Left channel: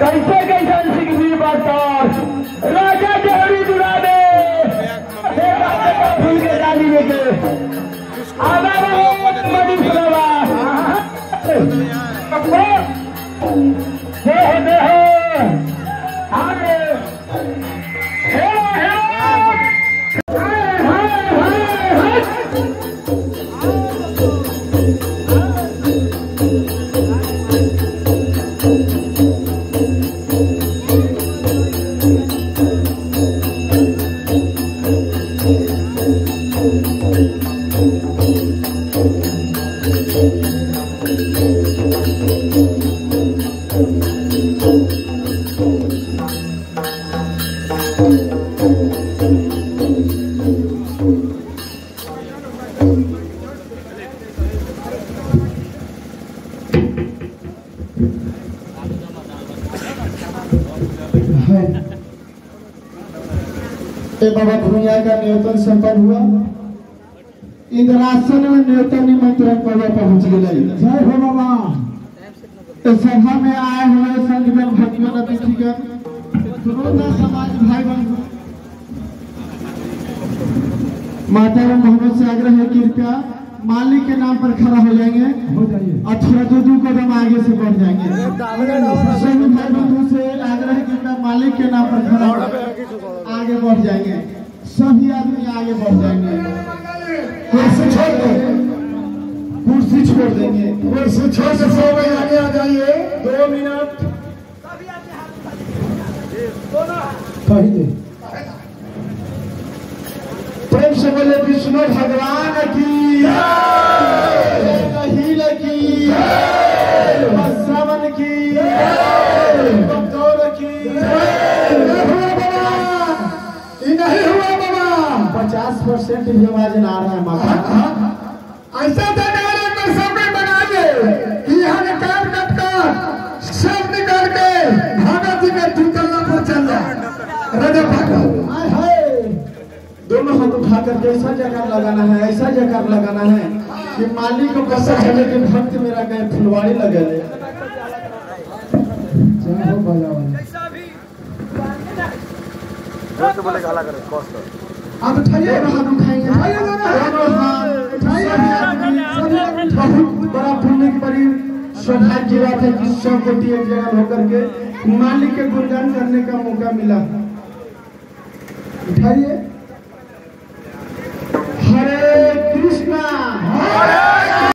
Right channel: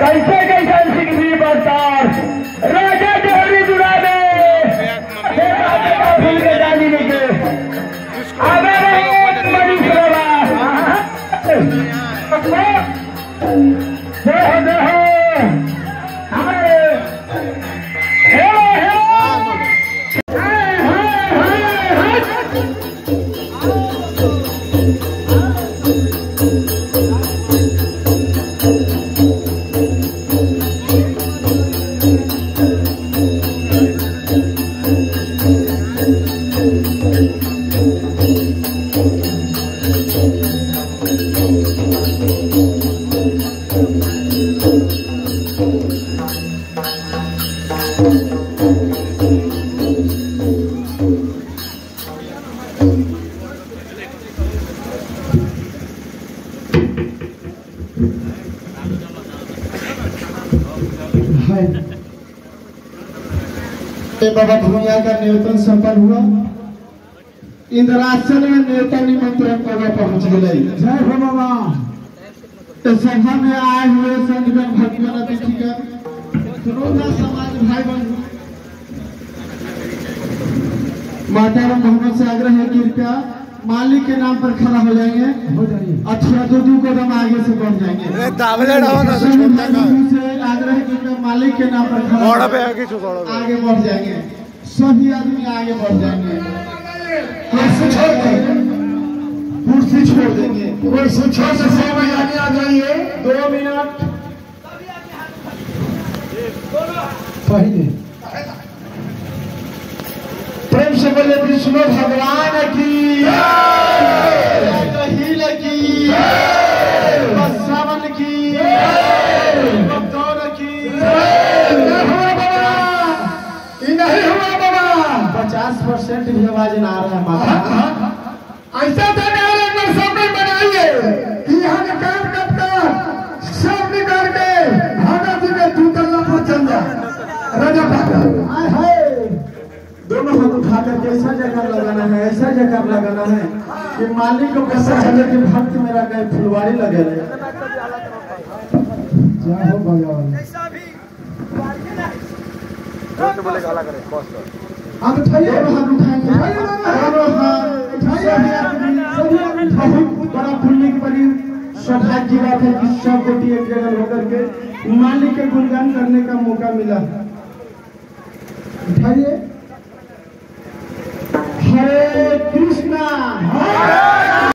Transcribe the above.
कैसे कैसे सिंह बरसार राजा जोड़ी जुड़ा दे भूल के जानी के बाबा भूमिया का निवेदन संपन्न हुआ। इंद्रासन में नेता निमंत्रण पहुंच गए। जय हो बाबा। इस सभा में आए हुए संतगण भक्तगण अतिथिगण श्रोता समाज भाई बंधु माता मोहम्मद से आग्रह है कि कृपया मालिक के नाम पर खड़ा हो जाएंगे। अच्छा दो कदम आगे से बढ़ जाएंगे। से आग्रह है कि मालिक के नाम पर खड़ा आगे बढ़ जाएंगे। सभी आदमी आगे बढ़ जाएंगे। कुर्सी छोड़ देंगे। कुर्सी छोड़ देंगे। कुर्सी छोड़ से सब आगे आ जाइए। 2 मिनट पहले प्रेम से बोले विष्णु भगवान की कहील की सावन की सेंट भी आवाज ना आ रहा है माता। ऐसा सब बनाइए कि यहाँ निकाल कट कर सब निकाल के भगत जी के दूतल्ला पर चल जाए। राजा भगत दोनों हाथ उठा करके ऐसा जगह लगाना है, ऐसा जगह लगाना है कि मालिक को कैसा चले कि भक्त मेरा कहीं फुलवारी लगे रहे। आप उठाइए, हाथ उठाएंगे, बहुत बड़ा पुण्य की बड़ी सौभाग्य बात है कि सब कोटि एक जगह होकर के मालिक के गुणगान करने का मौका मिला। उठाइए। हरे कृष्णा।